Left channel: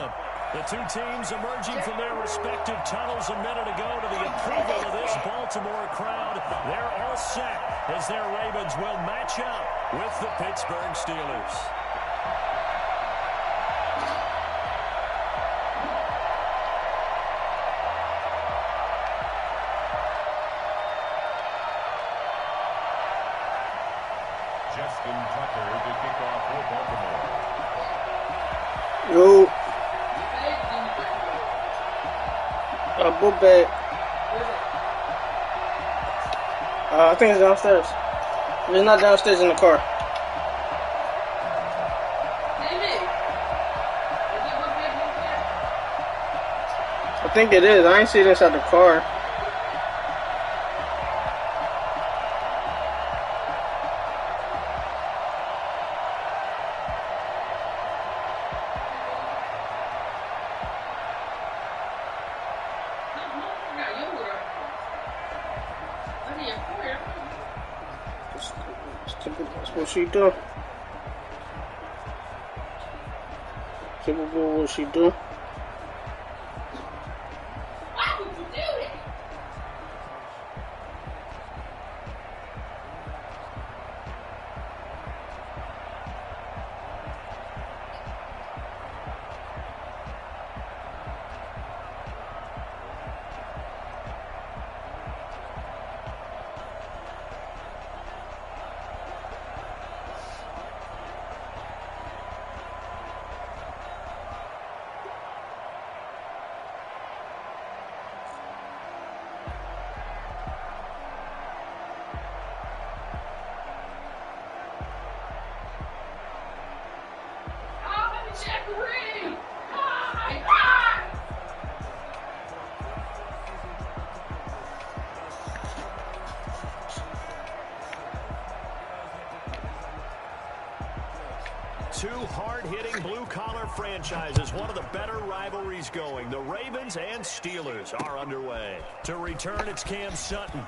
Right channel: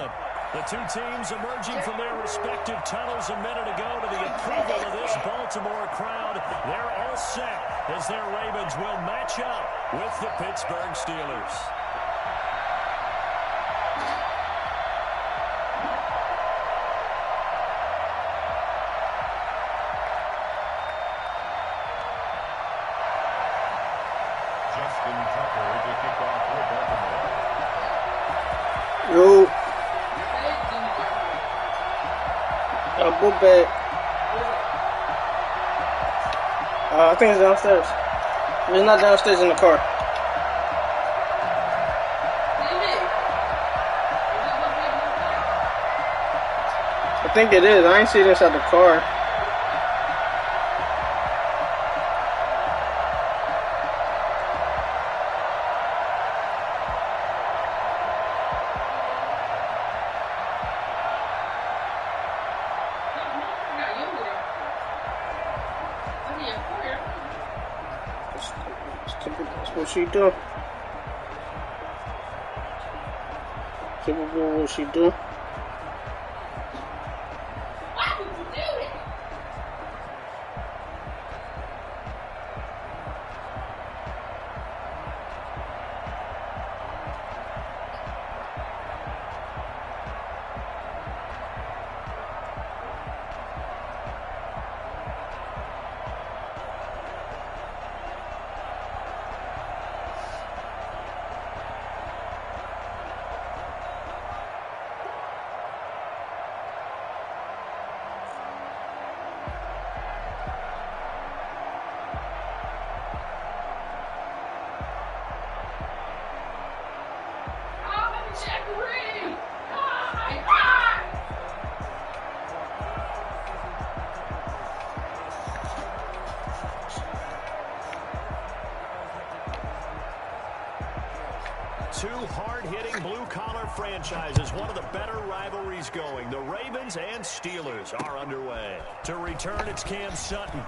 Cleveland. The two teams emerging from their respective tunnels a minute ago to the approval of this Baltimore crowd. They're all set as their Ravens will match up with the Pittsburgh Steelers. Justin Tucker to kick off for Baltimore. Yo. Double back. I think it's downstairs. It's not downstairs in the car. I think it is. I ain't see it inside the car. That's what she do. Typical what she do. Why would you do that? Jackery! Hi! Hi! Two hard-hitting blue-collar franchises, one of the better rivalries going. The Ravens and Steelers are underway. To return, it's Cam Sutton.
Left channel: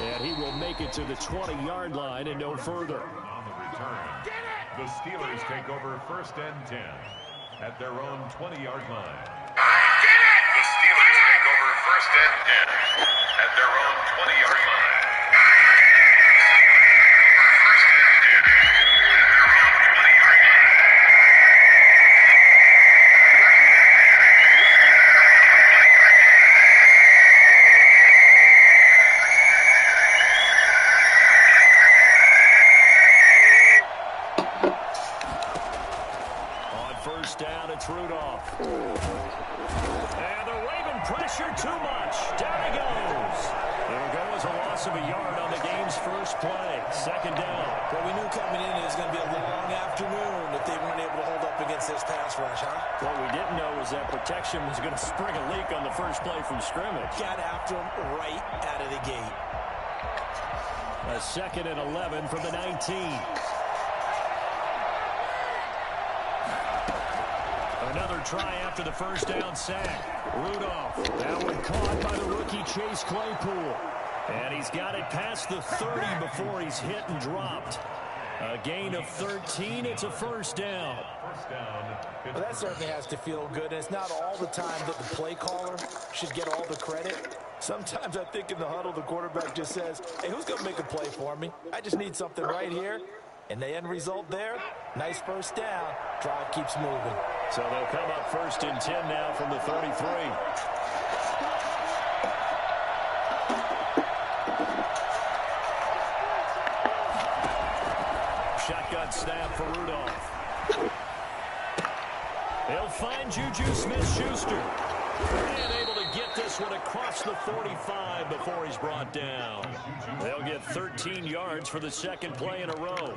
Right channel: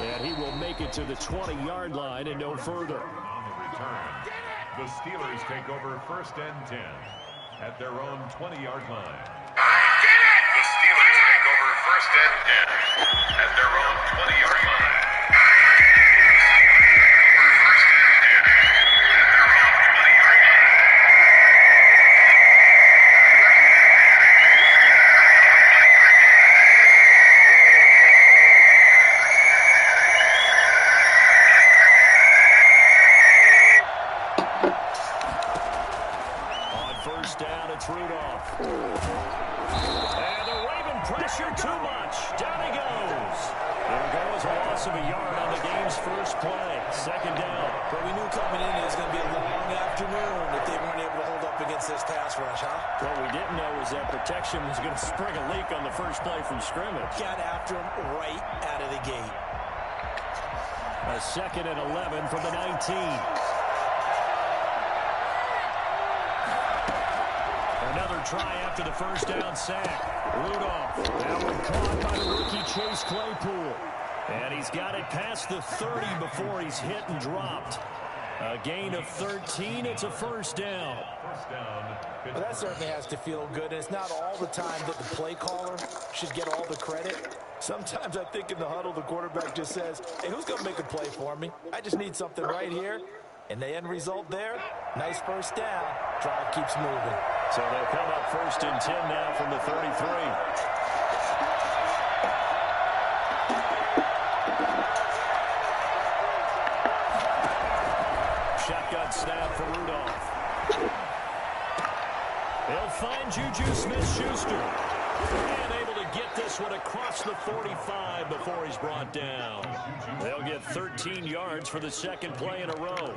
And he will make it to the 20-yard line and no further. On the return, the Steelers take over 1st and 10 at their own 20-yard line. The Steelers take over 1st and 10 at their own 20-yard line. Rudolph. And the Raven pressure too much. Down he goes. It'll go as a loss of a yard on the game's first play. 2nd down. Well, we knew coming in it was going to be a long afternoon if they weren't able to hold up against this pass rush, huh? What we didn't know was that protection was going to spring a leak on the first play from scrimmage. Got after him right out of the gate. A 2nd and 11 from the 19. Another try after the first down sack. Rudolph. That one caught by the rookie Chase Claypool. And he's got it past the 30 before he's hit and dropped. A gain of 13. It's a 1st down. Well, that certainly has to feel good. And it's not all the time that the play caller should get all the credit. Sometimes I think in the huddle, the quarterback just says, hey, who's going to make a play for me? I just need something right here. And the end result there, nice 1st down. Drive keeps moving. So they'll come up 1st and 10 now from the 33. Shotgun snap for Rudolph. They'll find Juju Smith-Schuster. And able to get this one across the 45 before he's brought down. They'll get 13 yards for the 2nd play in a row.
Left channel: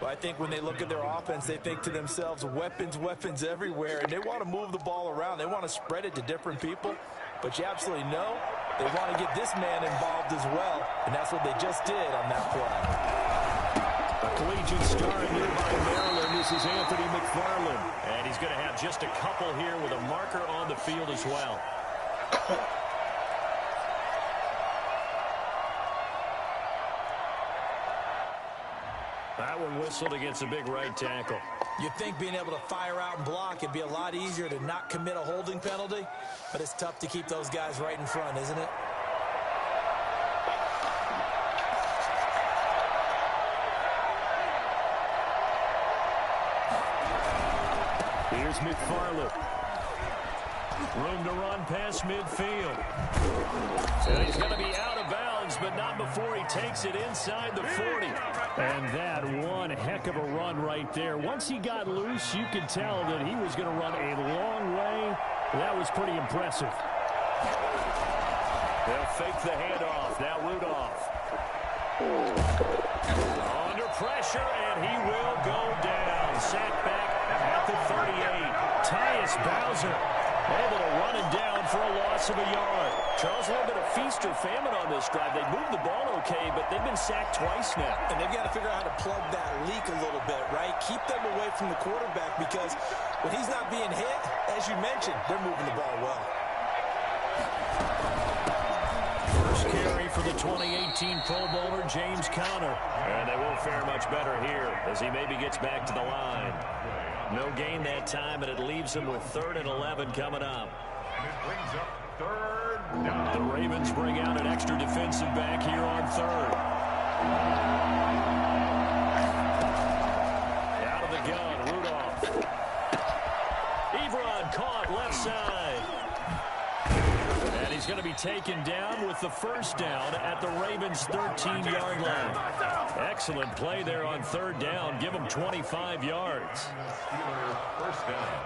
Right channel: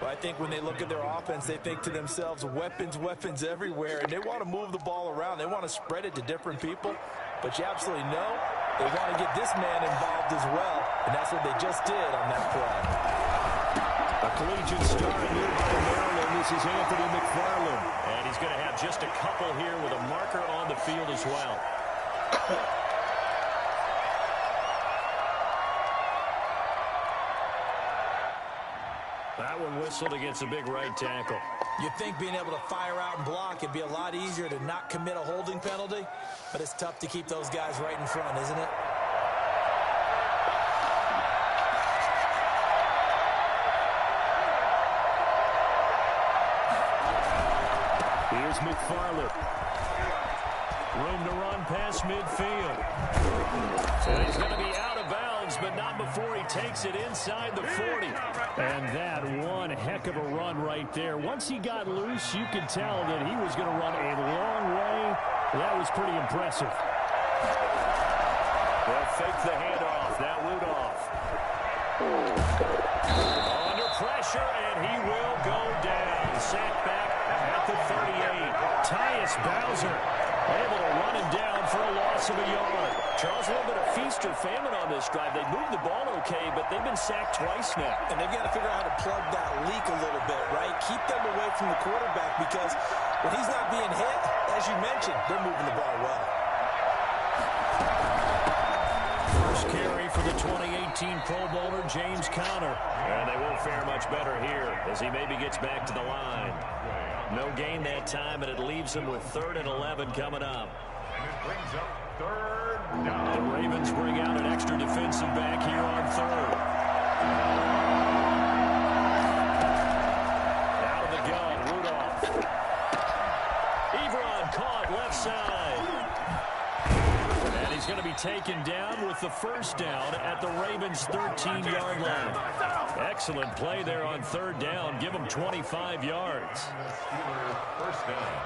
Well, I think when they look at their offense, they think to themselves, weapons, weapons everywhere, and they want to move the ball around. They want to spread it to different people, but you absolutely know they want to get this man involved as well, and that's what they just did on that play. A collegiate star in nearby Maryland, this is Anthony McFarland, and he's going to have just a couple here with a marker on the field as well. That one whistled against a big right tackle. You'd think being able to fire out and block, it'd be a lot easier to not commit a holding penalty, but it's tough to keep those guys right in front, isn't it? Here's McFarland. Room to run past midfield. And he's going to be out of bounds, but not before he takes it inside the 40. And that one heck of a run right there. Once he got loose, you could tell that he was going to run a long way. That was pretty impressive. They'll fake the handoff. Now Rudolph. Under pressure, and he will go down. Sacked back at the 38. Tyus Bowser able to run him down for a loss of a yard. Charles, a little bit of feast or famine on this drive. They moved the ball okay, but they've been sacked twice now. And they've got to figure out how to plug that leak a little bit, right? Keep them away from the quarterback because when he's not being hit, as you mentioned, they're moving the ball well. First carry for the 2018 Pro Bowler, James Conner. And they won't fare much better here as he maybe gets back to the line. No gain that time, and it leaves him with 3rd and 11 coming up. And it brings up 3rd down. The Ravens bring out an extra defensive back here on 3rd. Out of the gun, Rudolph. Ebron caught left side. And he's going to be taken down with the first down at the Ravens' 13-yard line. Excellent play there on 3rd down. Give him 25 yards. Steelers first down.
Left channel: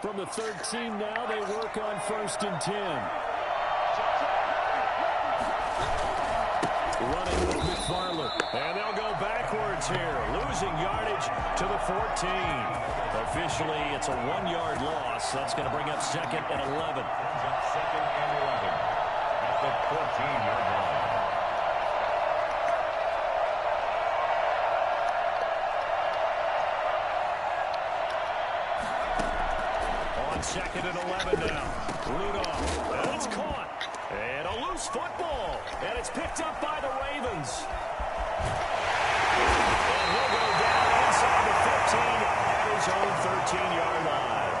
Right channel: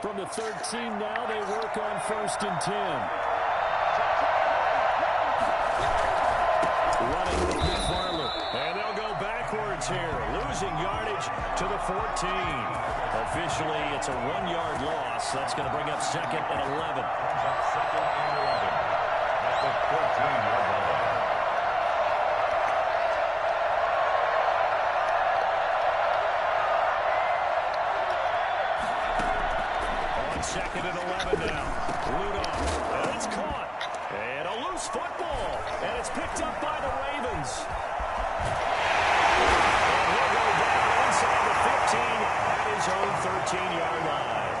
From the 13 now, they work on 1st and 10. Running with McFarland. And they'll go backwards here. Losing yardage to the 14. Officially, it's a 1-yard loss. That's going to bring up 2nd and 11. Brings up 2nd and 11 at the 14-yard line. On 2nd and 11 now. Rudolph. And it's caught. And a loose football. And it's picked up by the Ravens. And he'll go down inside the 15 at his own 13-yard line.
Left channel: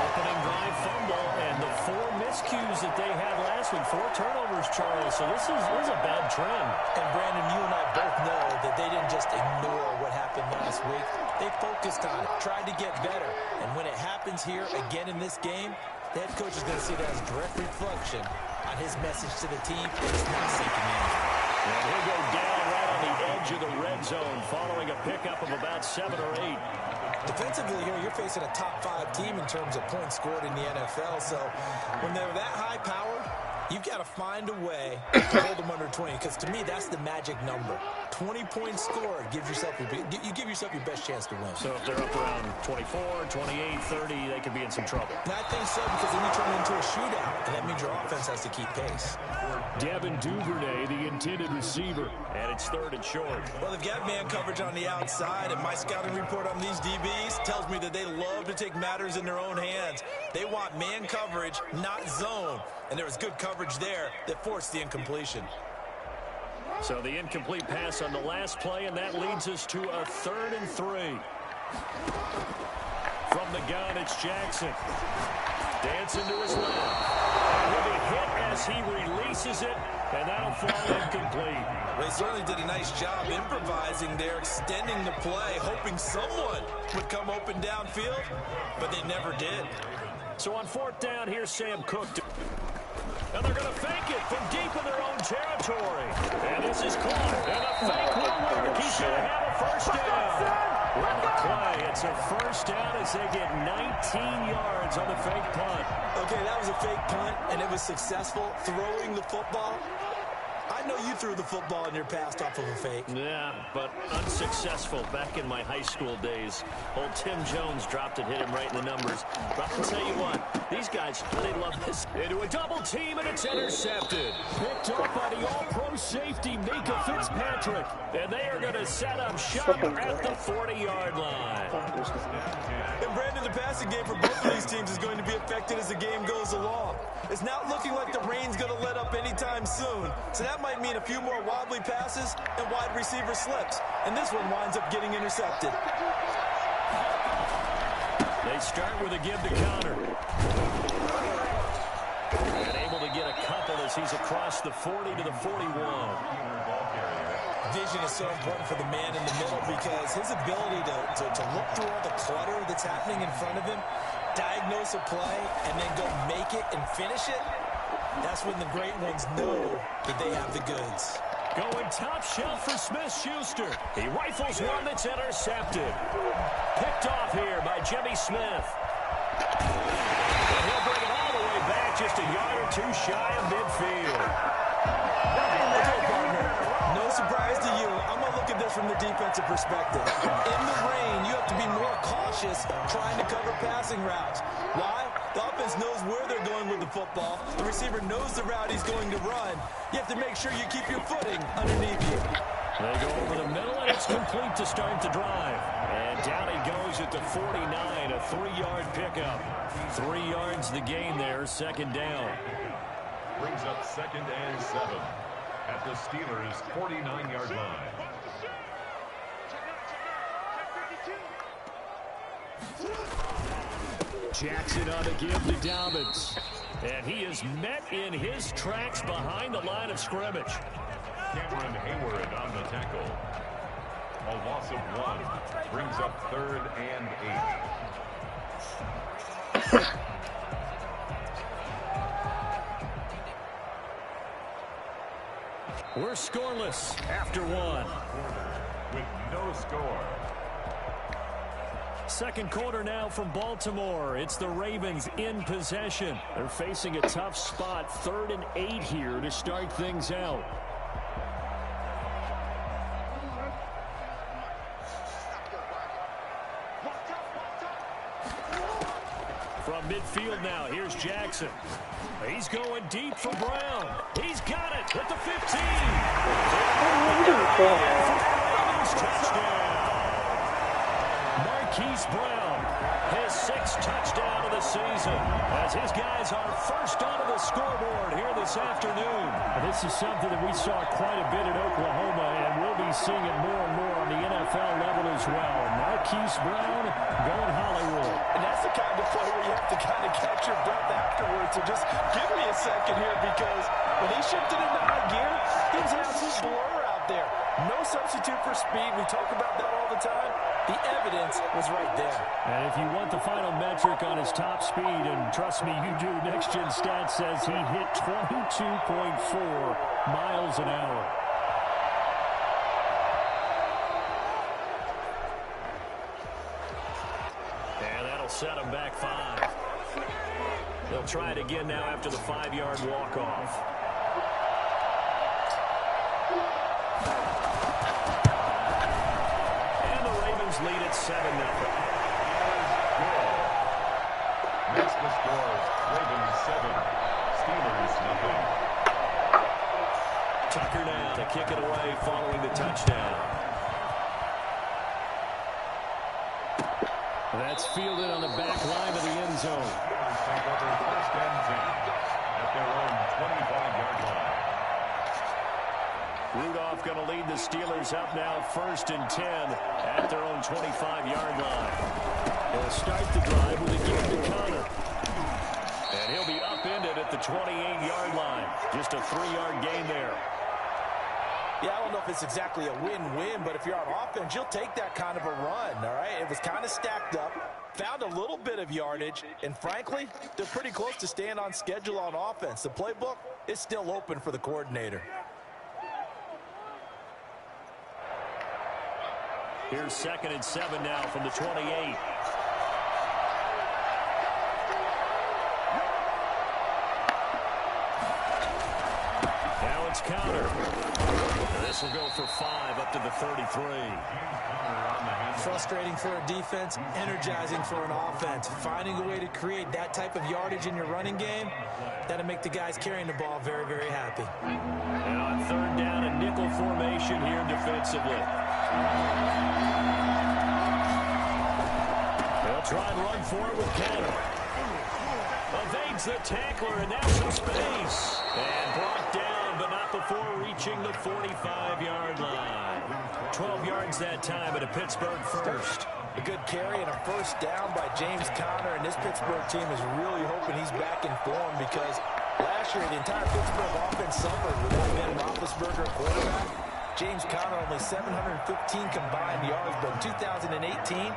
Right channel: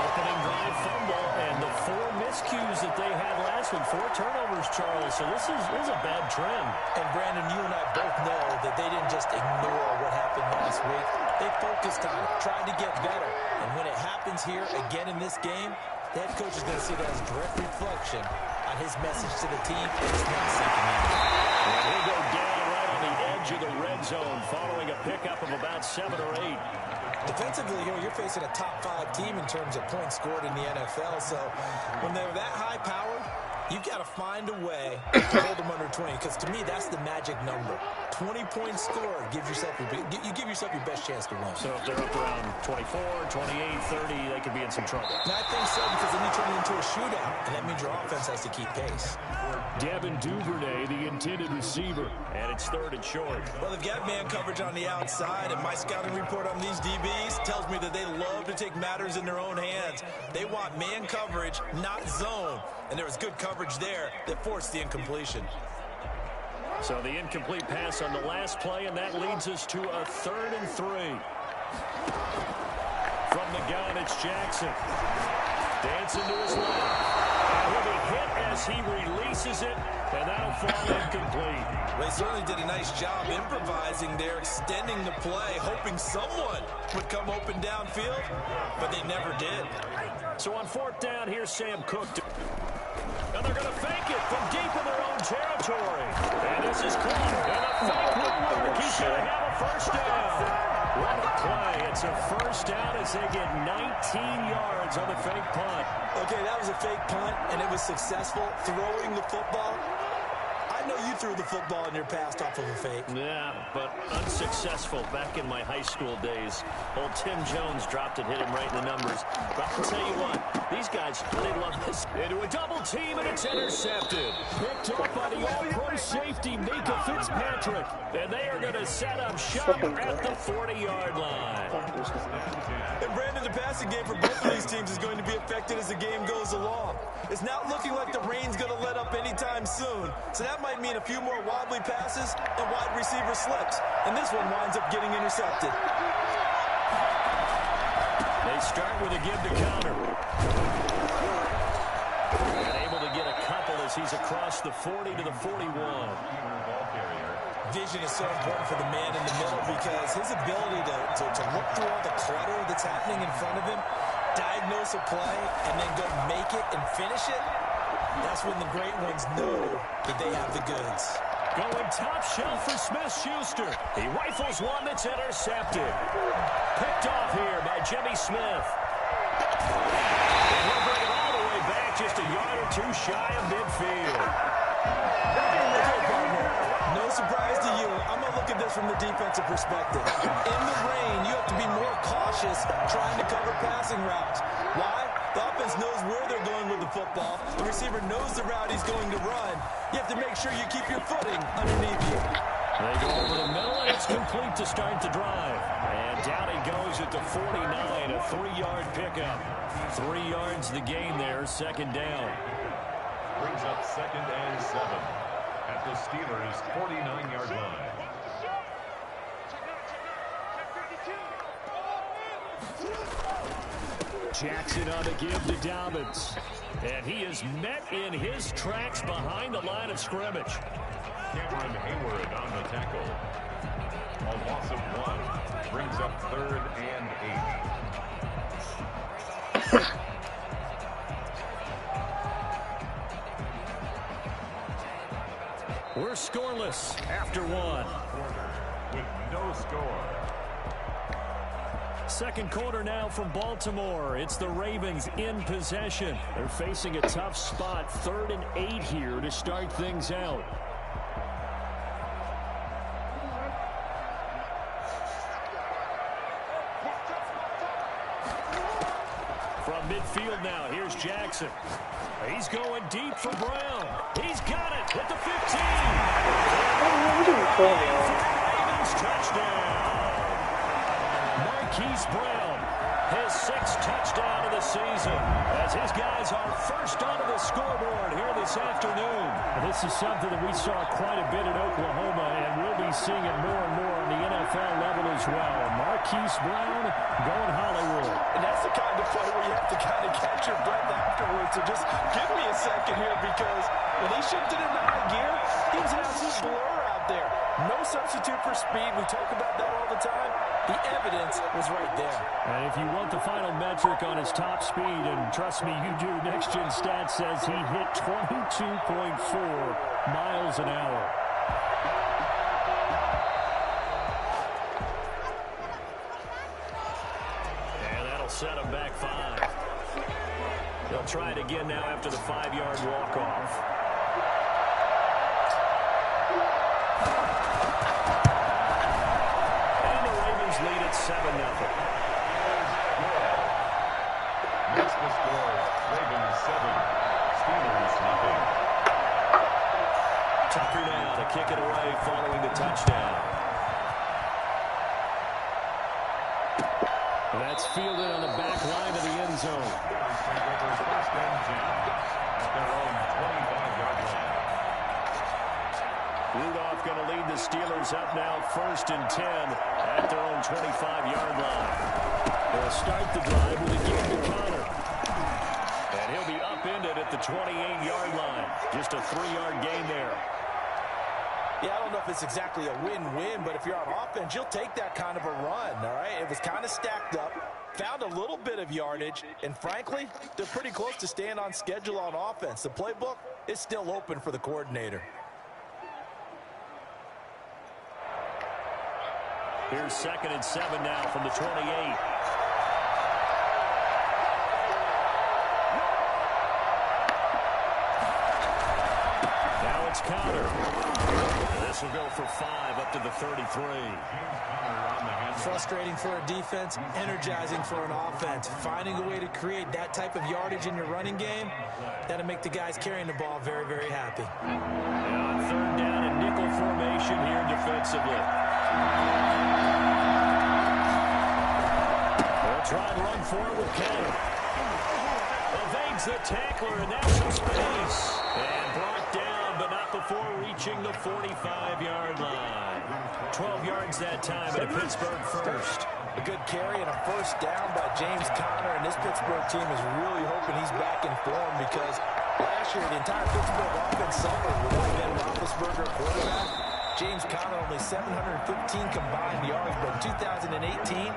Opening drive fumble and the 4 miscues that they had last week. 4 turnovers, Charles. So this is a bad trend. And Brandon, you and I both know that they didn't just ignore what happened last week. They focused on it, tried to get better. And when it happens here again in this game, the head coach is going to see that as a direct reflection on his message to the team. It's not sinking in. And he'll go down right on the edge of the red zone following a pickup of about 7 or 8. Defensively, you're facing a top 5 team in terms of points scored in the NFL. So when they're that high-powered, you've got to find a way to hold them under 20. Because to me, that's the magic number. 20 points scored gives yourself you give yourself your best chance to win. So if they're up around 24, 28, 30, they could be in some trouble. And I think so because then you turn it into a shootout, and that means your offense has to keep pace. Devin Duvernay, the intended receiver, and it's 3rd and short. Well, they've got man coverage on the outside, and my scouting report on these DBs tells me that they love to take matters in their own hands. They want man coverage, not zone, and there was good coverage there that forced the incompletion. So the incomplete pass on the last play, and that leads us to a 3rd and 3. From the gun, it's Jackson. Dancing to his left. And he'll be hit as he releases it, and that'll fall incomplete. Well, he certainly did a nice job improvising there, extending the play, hoping someone would come open downfield, but they never did. So on 4th down, here's Sam Cook. And they're going to fake it from deep in their own territory. And this is caught. And the fake will work. He's going to have a first down. What a play. It's a first down as they get 19 yards on the fake punt. Okay, that was a fake punt, and it was successful throwing the football. I know you threw the football in your past off of a fake. Yeah, but unsuccessful back in my high school days. Old Tim Jones dropped it, hit him right in the numbers. But I'll tell you what, these guys, they love this. Into a double team, and it's intercepted. Picked up by the all-pro safety, Mika Fitzpatrick. And they are going to set up shop at the 40-yard line. And Brandon, the passing game for both of these teams is going to be affected as the game goes along. It's not looking like the rain's going to let up anytime soon, so that might mean a few more wobbly passes and wide receiver slips. And this one winds up getting intercepted. They start with a give to counter. And able to get a couple as he's across the 40 to the 41. Vision is so important for the man in the middle because his ability to look through all the clutter that's happening in front of him, diagnose a play, and then go make it and finish it, that's when the great ones know that they have the goods. Going top shelf for Smith-Schuster. He rifles one that's intercepted. Picked off here by Jimmy Smith. And he'll bring it all the way back, just a yard or two shy of midfield. No surprise to you. I'm going to look at this from the defensive perspective. In the rain, you have to be more cautious trying to cover passing routes. Why? The offense knows where they're going with the football. The receiver knows the route he's going to run. You have to make sure you keep your footing underneath you. They go over the middle, and it's complete to start the drive. And down he goes at the 49, a 3-yard pickup. 3 yards the gain there, second down. Brings up 2nd and 7 at the Steelers' 49-yard line. Jackson on the give to Dobbins. And he is met in his tracks behind the line of scrimmage. Cameron Hayward on the tackle. A loss of 1 brings up 3rd and 8. We're scoreless after 1. With no score. Second quarter now from Baltimore. It's the Ravens in possession. They're facing a tough spot. 3rd and 8 here to start things out. From midfield now, here's Jackson. He's going deep for Brown. He's got it at the 15. Ravens touchdown. Marquise Brown, his 6th touchdown of the season, as his guys are first onto the scoreboard here this afternoon. This is something that we saw quite a bit in Oklahoma, and we'll be seeing it more and more on the NFL level as well. Marquise Brown going Hollywood. And that's the kind of play where you have to kind of catch your breath afterwards. So just give me a second here, because when he shifted into high gear, he was an absolute blur out there. No substitute for speed. We talk about that all the time. The evidence was right there. And if you want the final metric on his top speed, and trust me, you do, Next Gen Stats says he hit 22.4 miles an hour. And that'll set him back 5. They'll try it again now after the 5-yard walk-off. Lead at 7-0. Makes the score Ravens 7, Steelers 0. Tucker now to kick it away following the touchdown. That's fielded on the back line of the end zone. Steelers take over 1st and 10 at their own 25-yard line. Rudolph going to lead the Steelers up now 1st and 10 at their own 25-yard line. They'll start the drive with a give to Connor. And he'll be upended at the 28-yard line. Just a 3-yard gain there. Yeah, I don't know if it's exactly a win-win, but if you're on offense, you'll take that kind of a run, all right? It was kind of stacked up, found a little bit of yardage, and frankly, they're pretty close to staying on schedule on offense. The playbook is still open for the coordinator. Here's 2nd and 7 now from the 28. Now it's counter. This will go for 5 up to the 33. Frustrating for a defense, energizing for an offense. Finding a way to create that type of yardage in your running game, that'll make the guys carrying the ball very, very happy. And on third down, a nickel formation here defensively. They'll try and run for it with Cannon. Evades the tackler, and now some space. And brought down, but not before reaching the 45-yard line. 12 yards that time, and a Pittsburgh first. A good carry and a first down by James Conner, and this Pittsburgh team is really hoping he's back in form because last year the entire Pittsburgh offense suffered without Ben Roethlisberger quarterback. James Conner only 715 combined yards, but in 2018,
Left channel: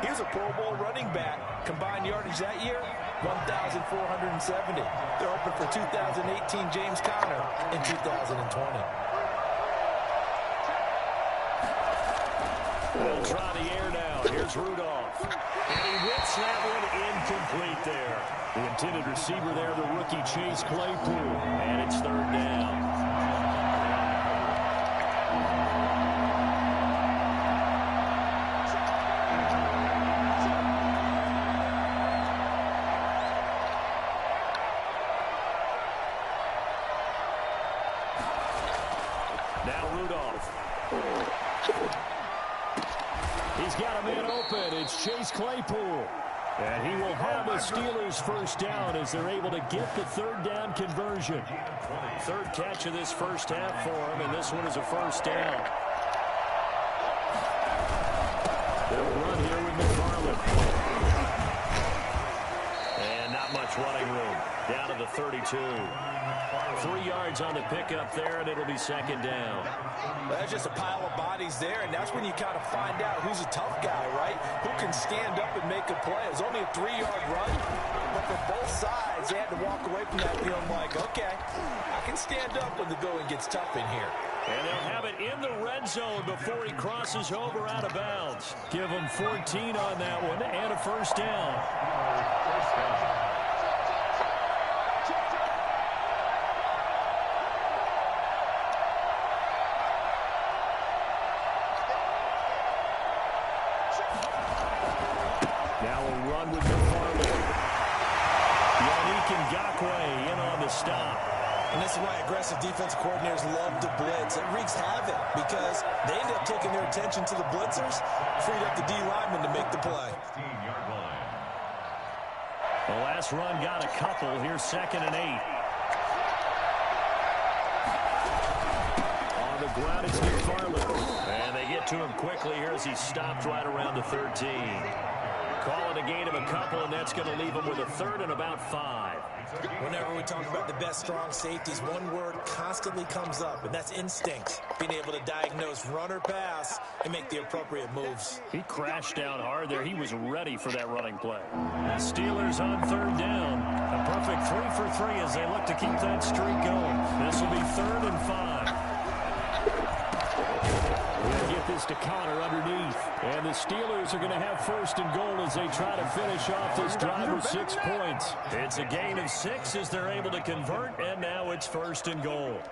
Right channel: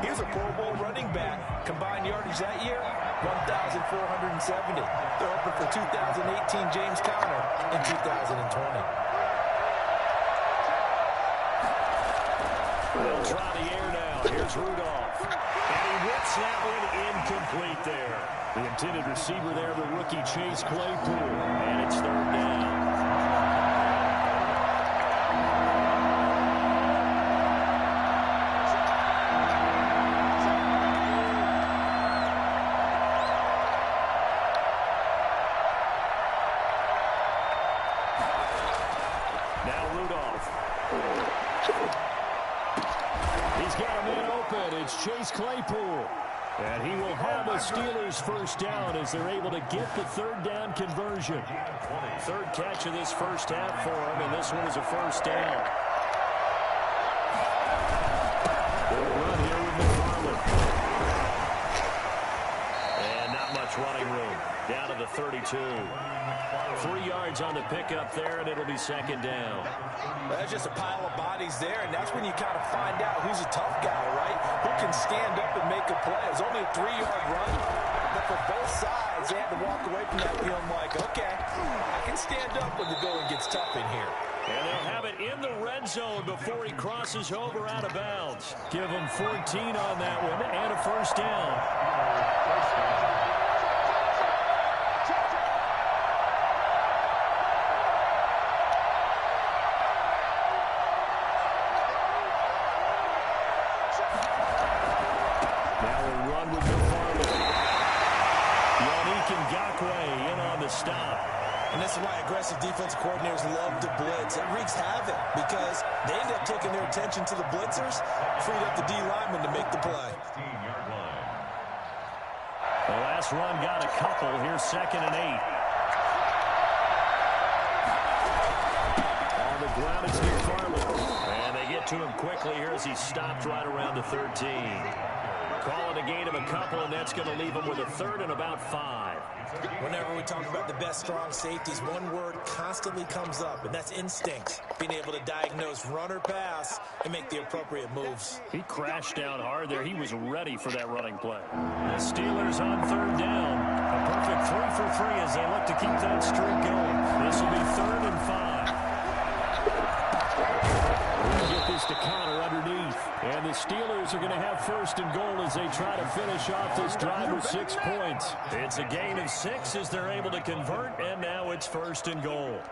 he was a Pro Bowl running back. Combined yardage that year, 1,470. They're hoping for 2018 James Conner in 2020. They'll try the air now. Here's Rudolph. And he whips that one incomplete there. The intended receiver there, the rookie Chase Claypool. And it's third down. Now Rudolph. He's got a man open. It's Chase Claypool. And he will have the Steelers first down as they're able to get the third down conversion. Third catch of this first half for him, and this one is a first down. They'll run here with McFarland. And not much running room. Down to the 32. 3 yards on the pickup there, and it'll be second down. That's just a pile of bodies there, and that's when you kind of find out who's a tough guy, right? Who can stand up and make a play. It was only a 3-yard run, but for both sides, they had to walk away from that feeling like, okay, I can stand up when the going gets tough in here. And they'll have it in the red zone before he crosses over out of bounds. Give him 14 on that one and a first down. Now a run with McFarland. Yannick Ngakoue in on the stop. And this is why aggressive defensive coordinators love to blitz. It wreaks havoc because they end up taking their attention to the blitzers, freed up the D lineman to make the play. The last run got a couple. Here's 2nd and 8. On the ground, it's McFarland. And they get to him quickly here as he stopped right around the 13. Call it a gain of a couple, and that's going to leave him with a third and about 5. Whenever we talk about the best strong safeties, one word constantly comes up, and that's instinct. Being able to diagnose run or pass and make the appropriate moves. He crashed down hard there. He was ready for that running play. The Steelers on third down. A perfect 3 for 3 as they look to keep that streak going. This will be 3rd and 5. We'll get this to Conner underneath. And the Steelers are going to have 1st and goal as they try to finish off this drive with 6 points. It's a gain of 6 as they're able to convert, and now it's 1st and goal.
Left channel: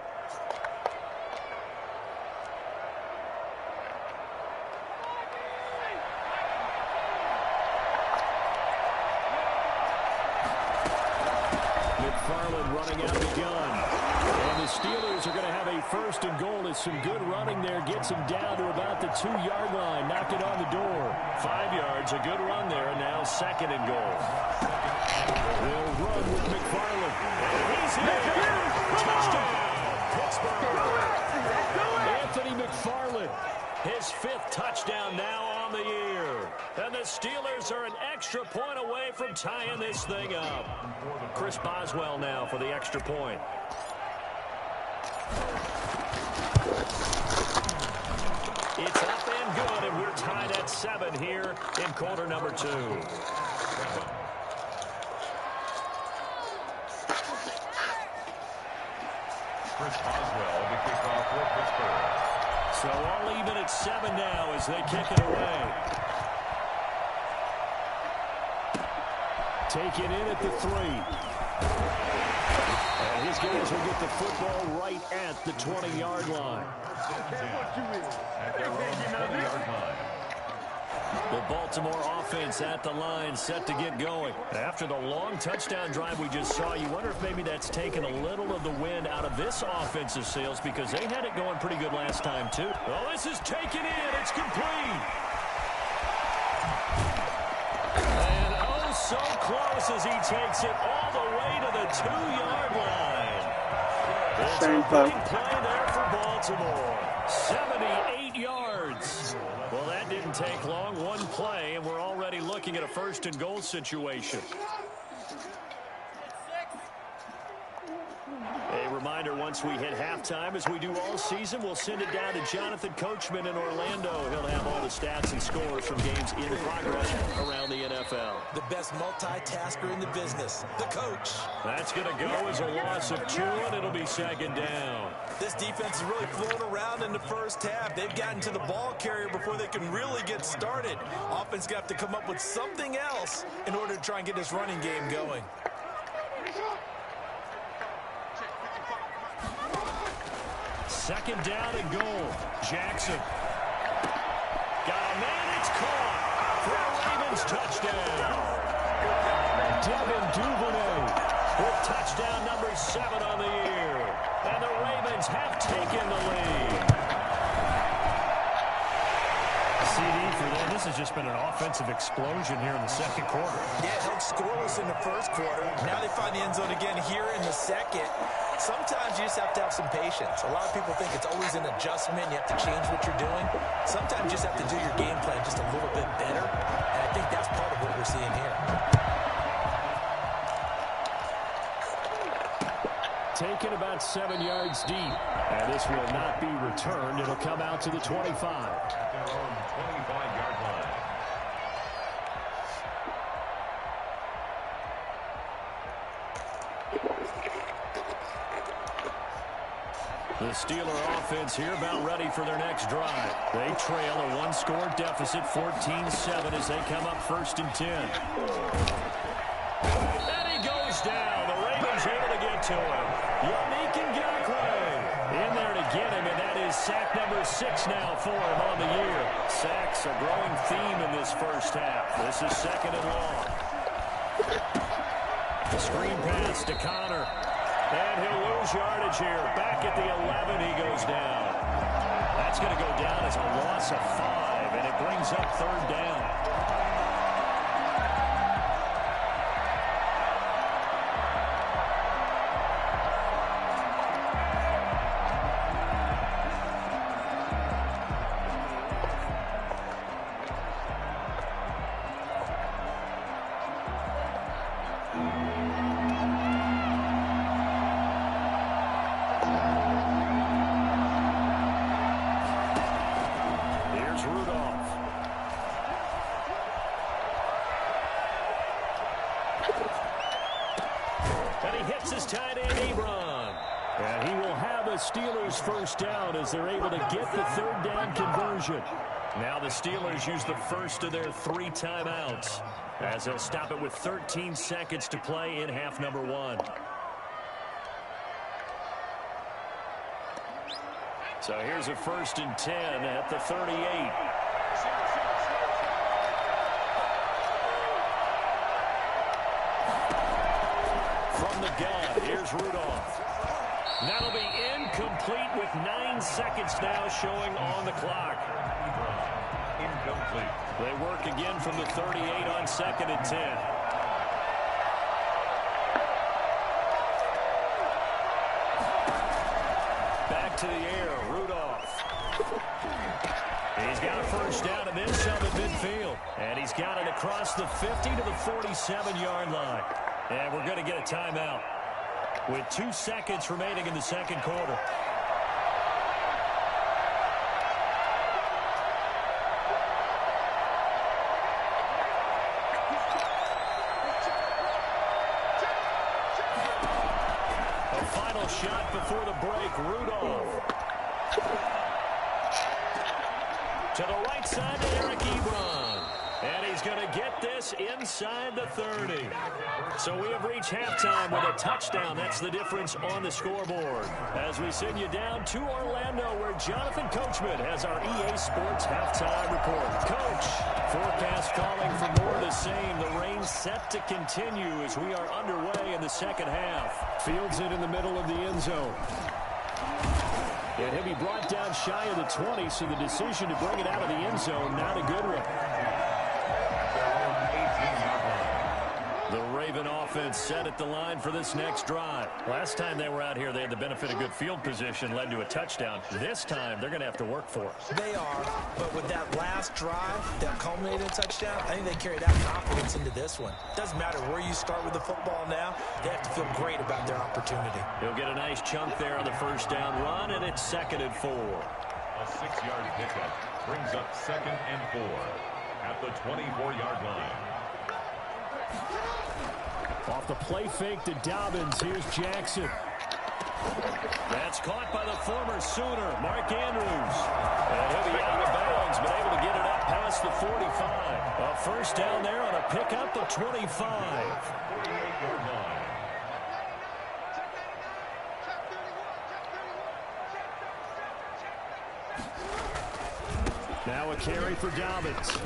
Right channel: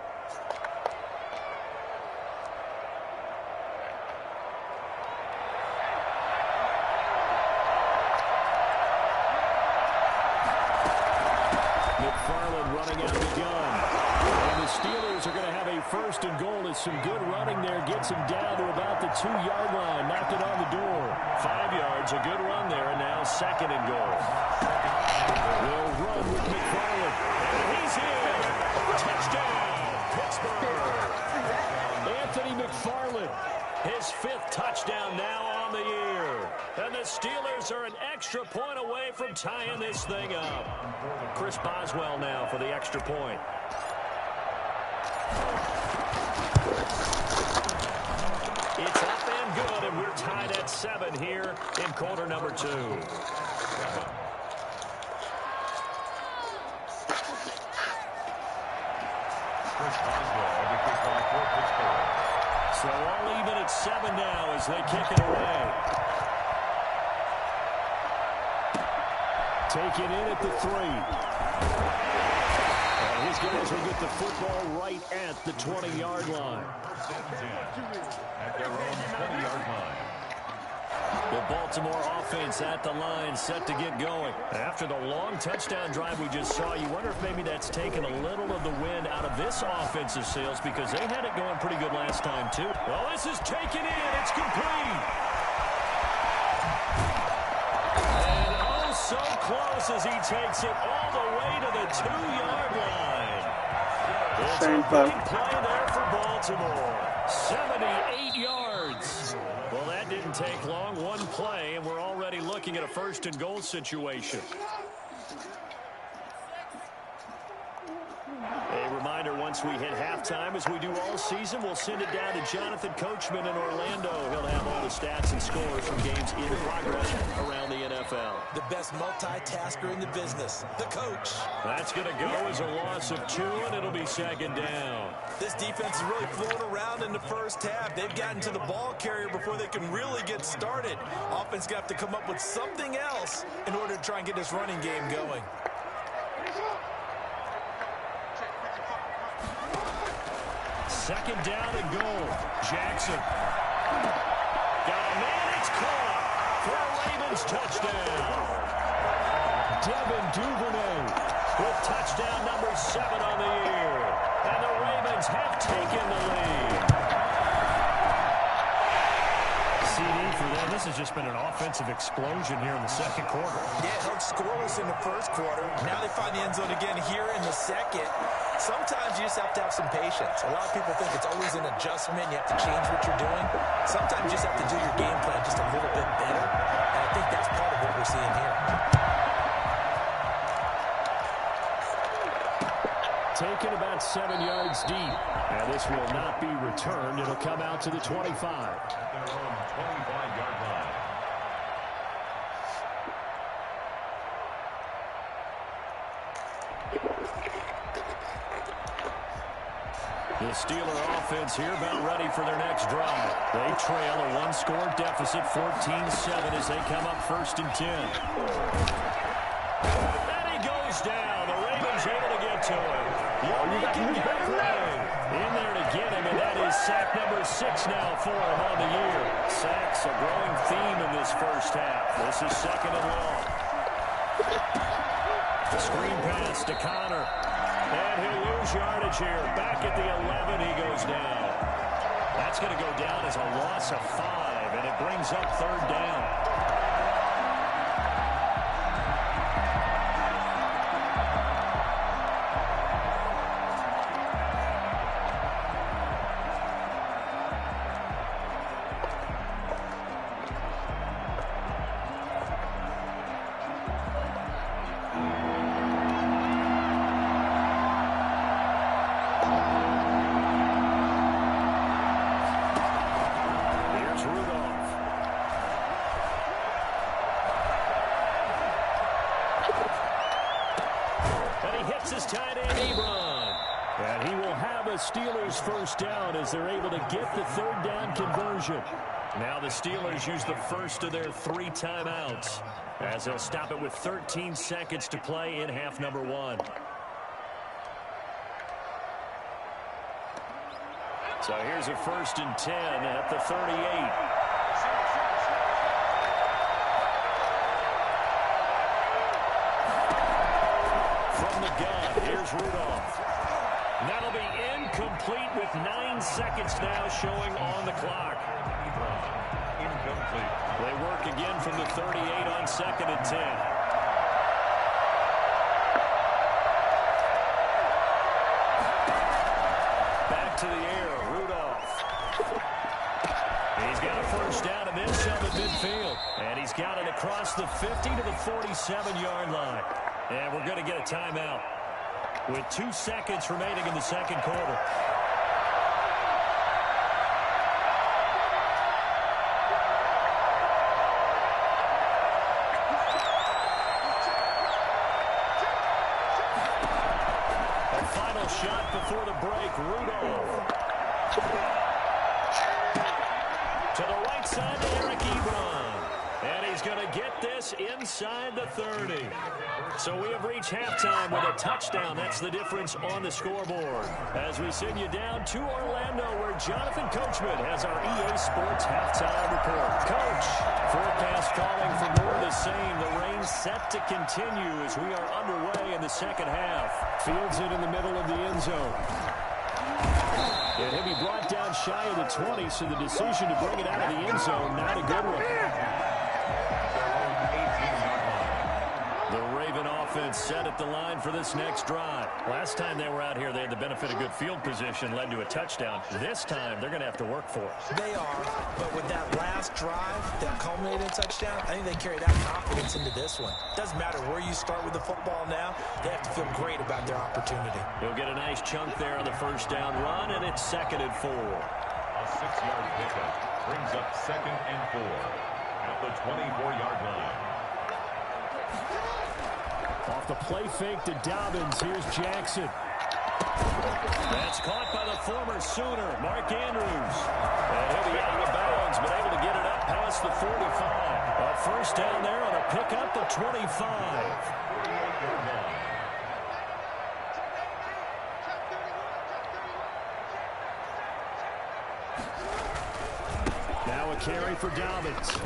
McFarland running out of the gun. And the Steelers are going to have a 1st and goal as some good running there gets him down to about the 2-yard line. Knocked it on the door. 5 yards, a good run there, and now 2nd and goal. They'll run with McFarland. And he's in. Touchdown, Pittsburgh. Anthony McFarland, his 5th touchdown now on the year. And the Steelers are an extra point away from tying this thing up. Chris Boswell now for the extra point. It's up and good, and we're tied at 7 here in quarter number 2. Chris Boswell to kick off for Pittsburgh. So all even at 7 now as they kick it away. Take it in at the 3. And his guys will get the football right at the 20-yard line. and 10 at their own 20-yard line. The Baltimore offense at the line, set to get going. After the long touchdown drive we just saw, you wonder if maybe that's taken a little of the wind out of this offensive sails, because they had it going pretty good last time, too. Well, this is taken in. It's complete. And oh, so close as he takes it all the way to the 2-yard line. It's a big play there for Baltimore. 78 yards. Well, that didn't take long. One play, and we're already looking at a first-and-goal situation. A reminder, once we hit halftime, as we do all season, we'll send it down to Jonathan Coachman in Orlando. He'll have all the stats and scores from games in progress around the NFL. The best multitasker in the business, the coach. That's going to go as a loss of 2, and it'll be second down. This defense is really floating around in the first half. They've gotten to the ball carrier before they can really get started. Offense got to come up with something else in order to try and get this running game going. Second down and goal. Jackson. Got a man. It's caught for a Ravens touchdown. Devin Duvernay with touchdown number 7 on the year. And the Ravens have taken the lead. CD for them. This has just been an offensive explosion here in the second quarter. Yeah, it held scoreless in the first quarter. Now they find the end zone again here in the second. Sometimes you just have to have some patience. A lot of people think it's always an adjustment. You have to change what you're doing. Sometimes you just have to do your game plan just a little bit better. And I think that's part of what we're seeing here. Taken about 7 yards deep. And this will not be returned. It'll come out to the 25. At their own 25-yard line. The Steeler offense here about ready for their next drive. They trail a 1-score deficit, 14-7, as they come up 1st and 10. And he goes down. The Ravens able to get to him. Yannick Ngakoue in there to get him, and that is sack number 6 now for him on the year. Sacks a growing theme in this first half. This is 2nd and long. The screen pass to Connor. And he'll lose yardage here. Back at the 11, he goes down. That's going to go down as a loss of 5, and it brings up 3rd down. Steelers first down as they're able to get the 3rd down conversion. Now the Steelers use the first of their 3 timeouts as they'll stop it with 13 seconds to play in half number 1. So here's a 1st and 10 at the 38. From the gun, here's Rudolph. That'll be incomplete with 9 seconds now showing on the clock. Incomplete. They work again from the 38 on 2nd and 10. Back to the air, Rudolph. He's got a first down and then some at midfield. And he's got it across the 50 to the 47-yard line. And we're going to get a timeout with 2 seconds remaining in the second quarter. A final shot before the break, Rudolph. To the right side to Eric Ebron. And he's going to get this inside the 30. So we have reached halftime with a touchdown. That's the difference on the scoreboard. As we send you down to Orlando, where Jonathan Coachman has our EA Sports halftime report. Coach, forecast calling for more of the same. The rain set to continue as we are underway in the second half. Fields it in the middle of the end zone. And he'll be brought down shy of the 20, so the decision to bring it out of the end zone, not a good one. The Raven offense set at the line for this next drive. Last time they were out here, they had the benefit of good field position, led to a touchdown. This time, they're going to have to work for it. They are, but with that last drive that culminated in a touchdown, I think they carry that confidence into this one. Doesn't matter where you start with the football now, they have to feel great about their opportunity. He'll get a nice chunk there on the first down run, and it's 2nd and 4. A 6-yard pickup brings up 2nd and 4 at the 24-yard line. Off the play fake to Dobbins. Here's Jackson. That's caught by the former Sooner, Mark Andrews. And he'll be out of bounds, but able to get it up past the 45. A first down there on a pickup of 25. 48-yard line. Now a carry for Dobbins.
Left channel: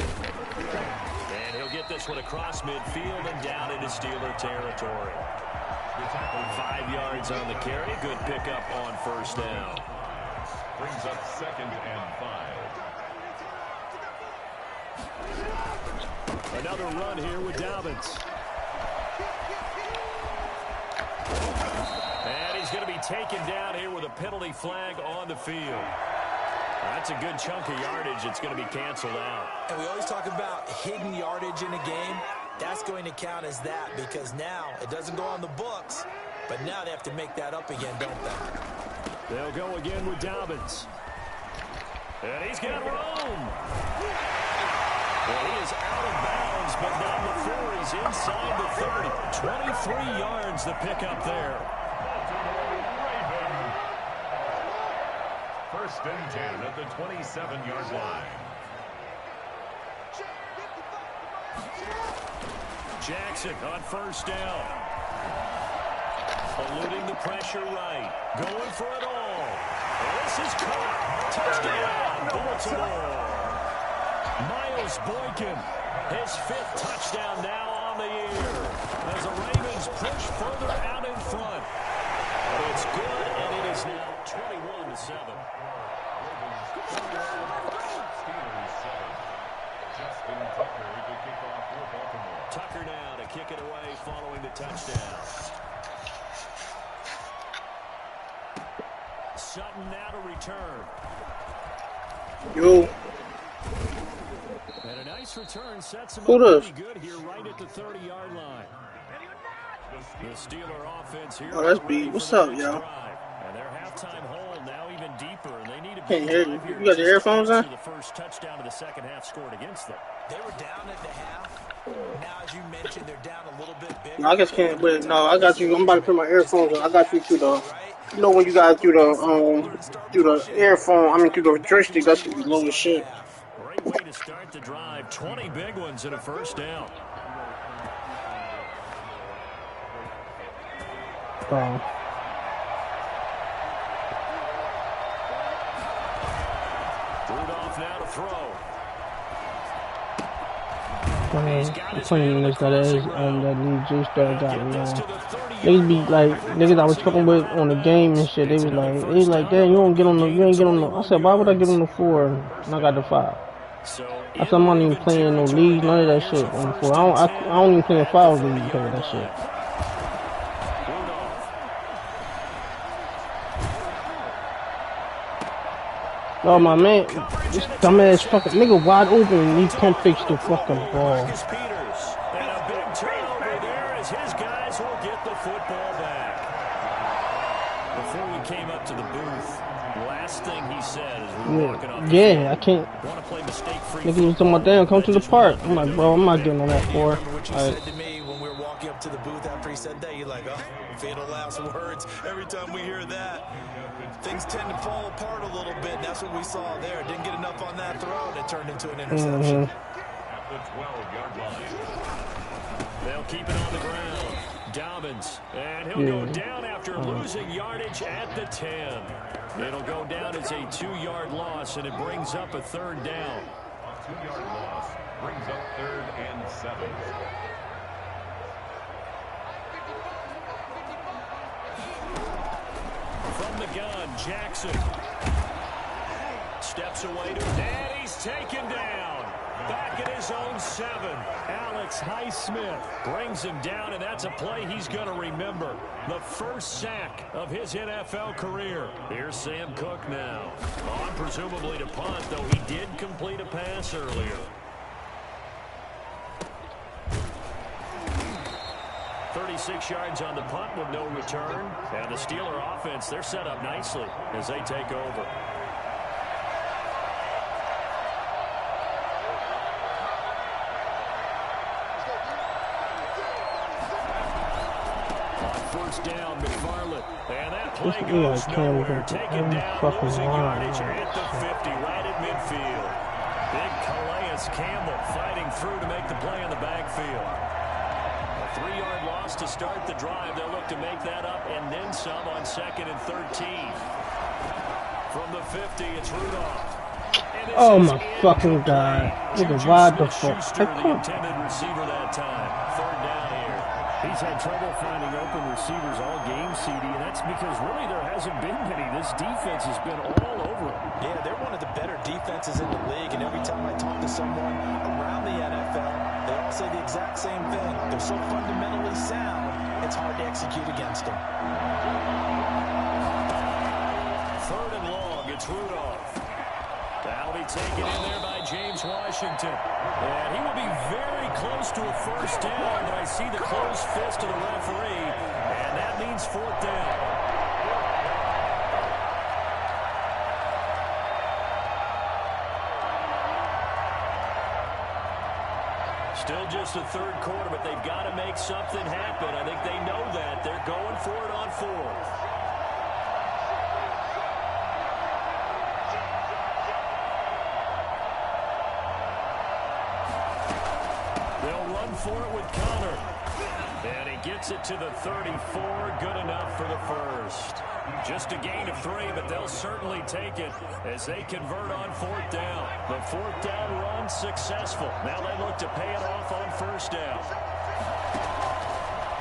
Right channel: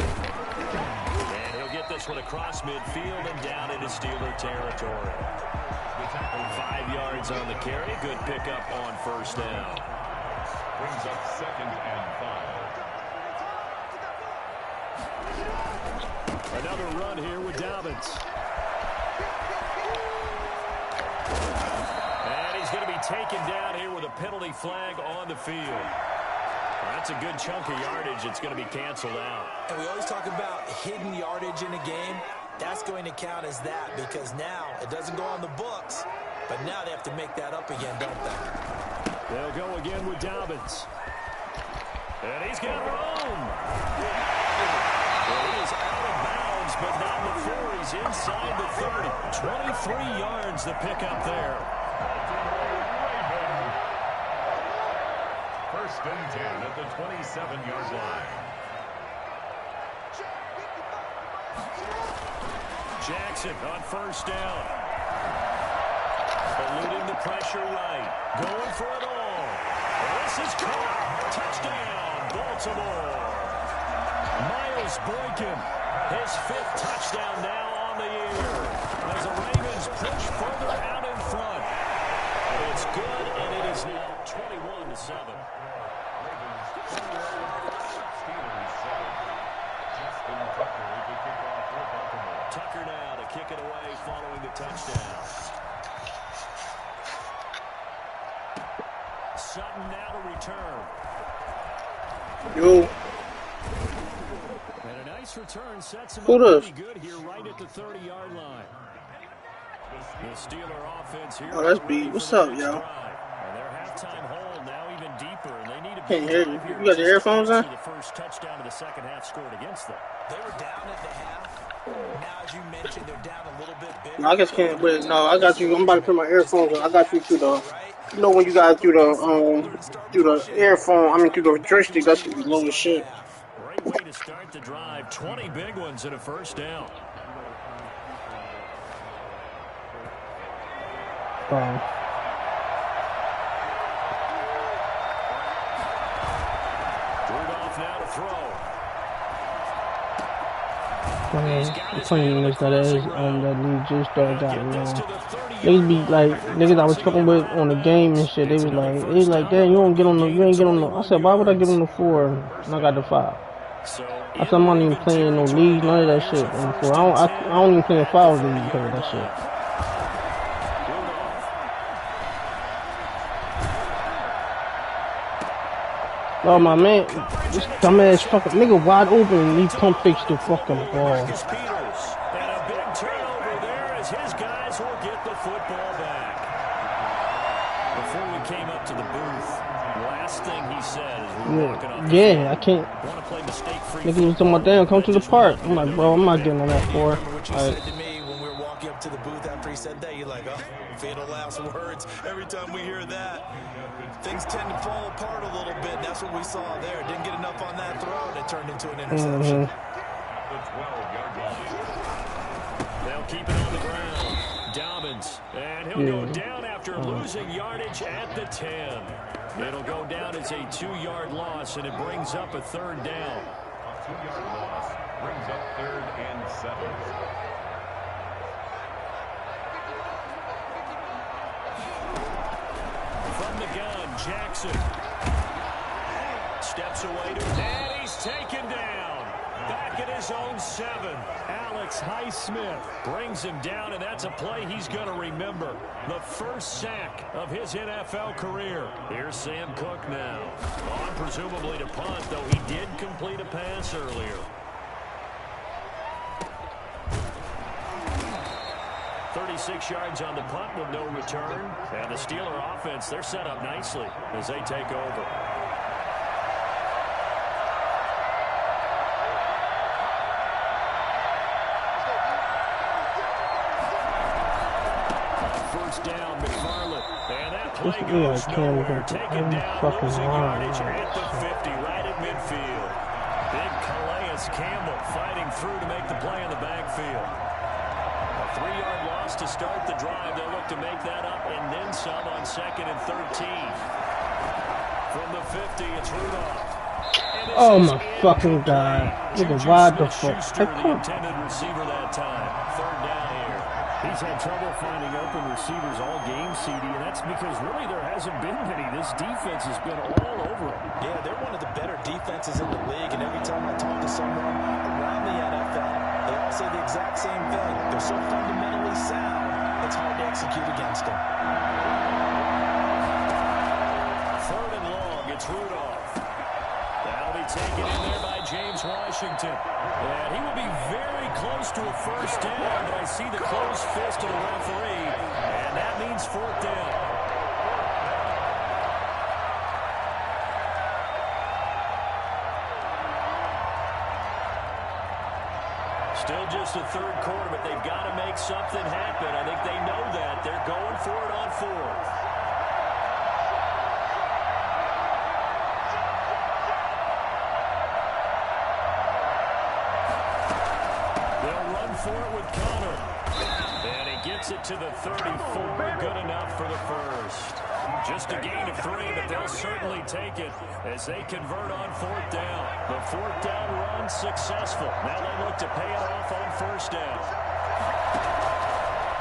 And he'll get this one across midfield and down into Steeler territory. 5 yards on the carry. Good pickup on first down. Brings up 2nd and 5. Another run here with Dobbins. And he's going to be taken down here with a penalty flag on the field. That's a good chunk of yardage. It's going to be canceled out. And we always talk about hidden yardage in a game. That's going to count as that because now it doesn't go on the books, but now they have to make that up again, don't they? They'll go again with Dobbins. And he's got room. Well, he is out of bounds, but not before he's inside the 30. 23 yards the pickup there. First and 10 at the 27-yard line. Jackson on first down. Eluding the pressure right. Going for it all. And this is caught. Touchdown, Baltimore. Miles Boykin, his 5th touchdown now on the year. As the Ravens push further out in front. It's good, and it is now 21-7. Steelers 7. Justin Tucker to kick off for Baltimore. Tucker now to kick it away following the touchdown. Sutton now to return. Yo. And a nice return sets him Who up does? pretty good here right at the 30-yard line. The Steeler offense here. Oh, that's B. What's up, y'all? And their halftime hole now even deeper, and they need a Can't big hear drive you. here You got your earphones on? to the first touchdown of the second half scored against them. They were down at the half. Now, as you mentioned, they're down a little bit bigger. No, I just can't. Wait, no, I got you. I'm about to put my earphones on. I got you through the. You know when you guys do the earphone. I mean through the joystick. That should be low as shit. Great way to start the drive. 20 big ones and a first down. Rudolph now to throw. I mean, the funny thing is that league just got niggas be like niggas I was talking with on the game and shit. They was like, damn, you ain't get on the. I said, why would I get on the 4 and I got the 5? I said, I'm not even playing no league, none of that shit on the 4. I don't even play a 5 league because of that shit. Oh my man, this dumbass fucking nigga wide open and he pump fakes the fucking ball. And a big turnover there as his guys will get the football back. Before we came up to the booth, last thing he said as we were walking off the field, I can't. Want to play mistake-free. Nigga was talking about, damn, come to the park. I'm like, bro, I'm not getting on that 4. What you said to me when we were walking up to the booth after he said that, you're like, oh, fatal last words. Every time we hear that, things tend to fall apart a little bit. That's what we saw there. Didn't get enough on that throw, and it turned into an interception. the 12-yard line. They'll keep it on the ground. Dobbins, and he'll go down after losing yardage at the 10. It'll go down as a 2-yard loss, and it brings up a third down. A 2-yard loss brings up 3rd and 7. From the gun, Jackson steps away to, and he's taken down. Back at his own 7. Alex Highsmith brings him down, and that's a play he's going to remember. The first sack of his NFL career. Here's Sam Cook now. On presumably to punt, though he did complete a pass earlier. 36 yards on the punt with no return. And the Steeler offense, they're set up nicely as they take over. First down, McFarland. And that play goes nowhere. Taken down, losing yardage at the 50, right at midfield. Big Calais Campbell fighting through to make the play in the backfield. A 3-yard loss to start the drive. They'll look to make that up and then some on 2nd and 13. From the 50, it's Rudolph. Oh my fucking god. Nigga, why the fuck? The intended receiver that time. 3rd down here. He's had trouble finding open receivers all game, CD, and that's because really there hasn't been many. This defense has been all over him. Yeah, they're one of the better defenses in the league, and every time I talk to someone around the NFL, they all say the exact same thing. They're so fundamentally sound, it's hard to execute against them. 3rd and long, it's Rudolph. That'll be taken in there by James Washington. And he will be very close to a first down, but I see the closed fist of the referee, and that means 4th down. Still just the 3rd quarter, but they've got to make something happen. I think they know that. They're going for it on 4th. For it with Connor. And he gets it to the 34. Good enough for the first. Just a gain of 3, but they'll certainly take it as they convert on 4th down. The 4th down run successful. Now they look to pay it off on 1st down.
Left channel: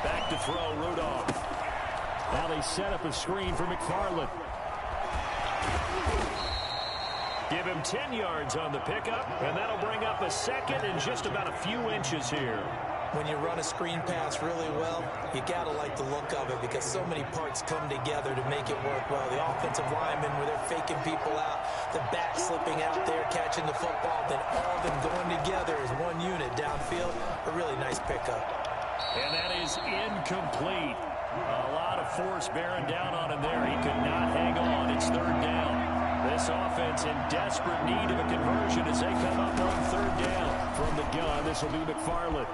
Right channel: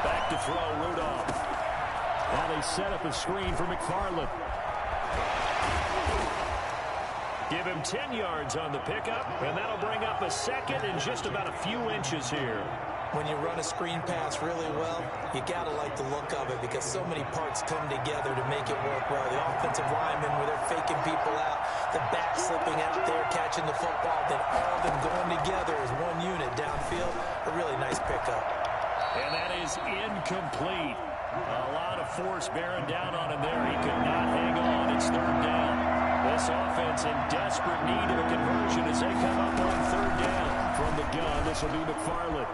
Back to throw, Rudolph. Now they set up a screen for McFarland. Give him 10 yards on the pickup, and that'll bring up a 2nd and just about a few inches here. When you run a screen pass really well, you got to like the look of it because so many parts come together to make it work well. The offensive linemen, where they're faking people out, the back slipping out there, catching the football, then all of them going together as one unit downfield. A really nice pickup. And that is incomplete. A lot of force bearing down on him there. He could not hang on. It's 3rd down. This offense in desperate need of a conversion as they come up on 3rd down. From the gun, this will be McFarland.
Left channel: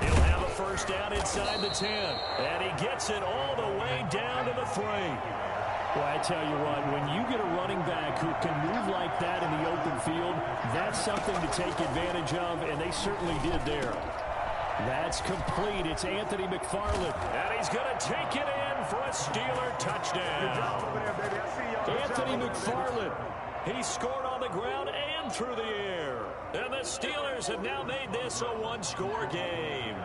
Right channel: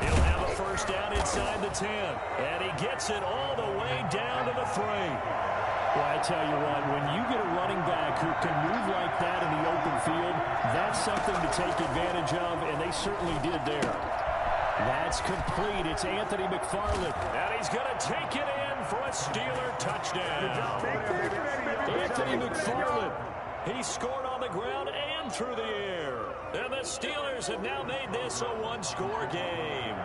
He'll have a first down inside the 10. And he gets it all the way down to the 3. Well, I tell you what, when you get a running back who can move like that in the open field, that's something to take advantage of, and they certainly did there. That's complete. It's Anthony McFarland. And he's going to take it in for a Steeler touchdown. Anthony McFarland. He scored on the ground and through the air. And the Steelers have now made this a 1-score game.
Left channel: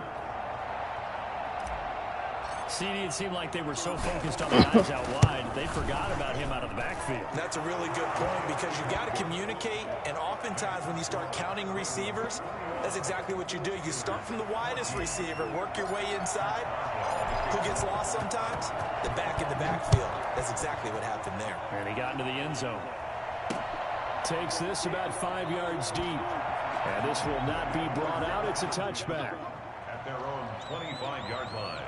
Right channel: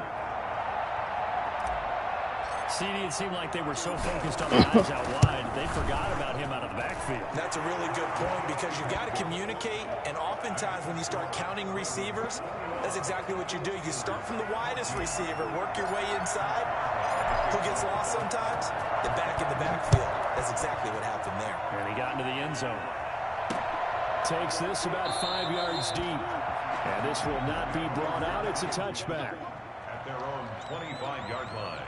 CD, it seemed like they were so focused on the guys out wide, they forgot about him out of the backfield. That's a really good point because you've got to communicate, and oftentimes when you start counting receivers, that's exactly what you do. You start from the widest receiver, work your way inside. Who gets lost sometimes? The back in the backfield. That's exactly what happened there. And he got into the end zone. Takes this about 5 yards deep. And this will not be brought out. It's a touchback. At their own 25-yard line.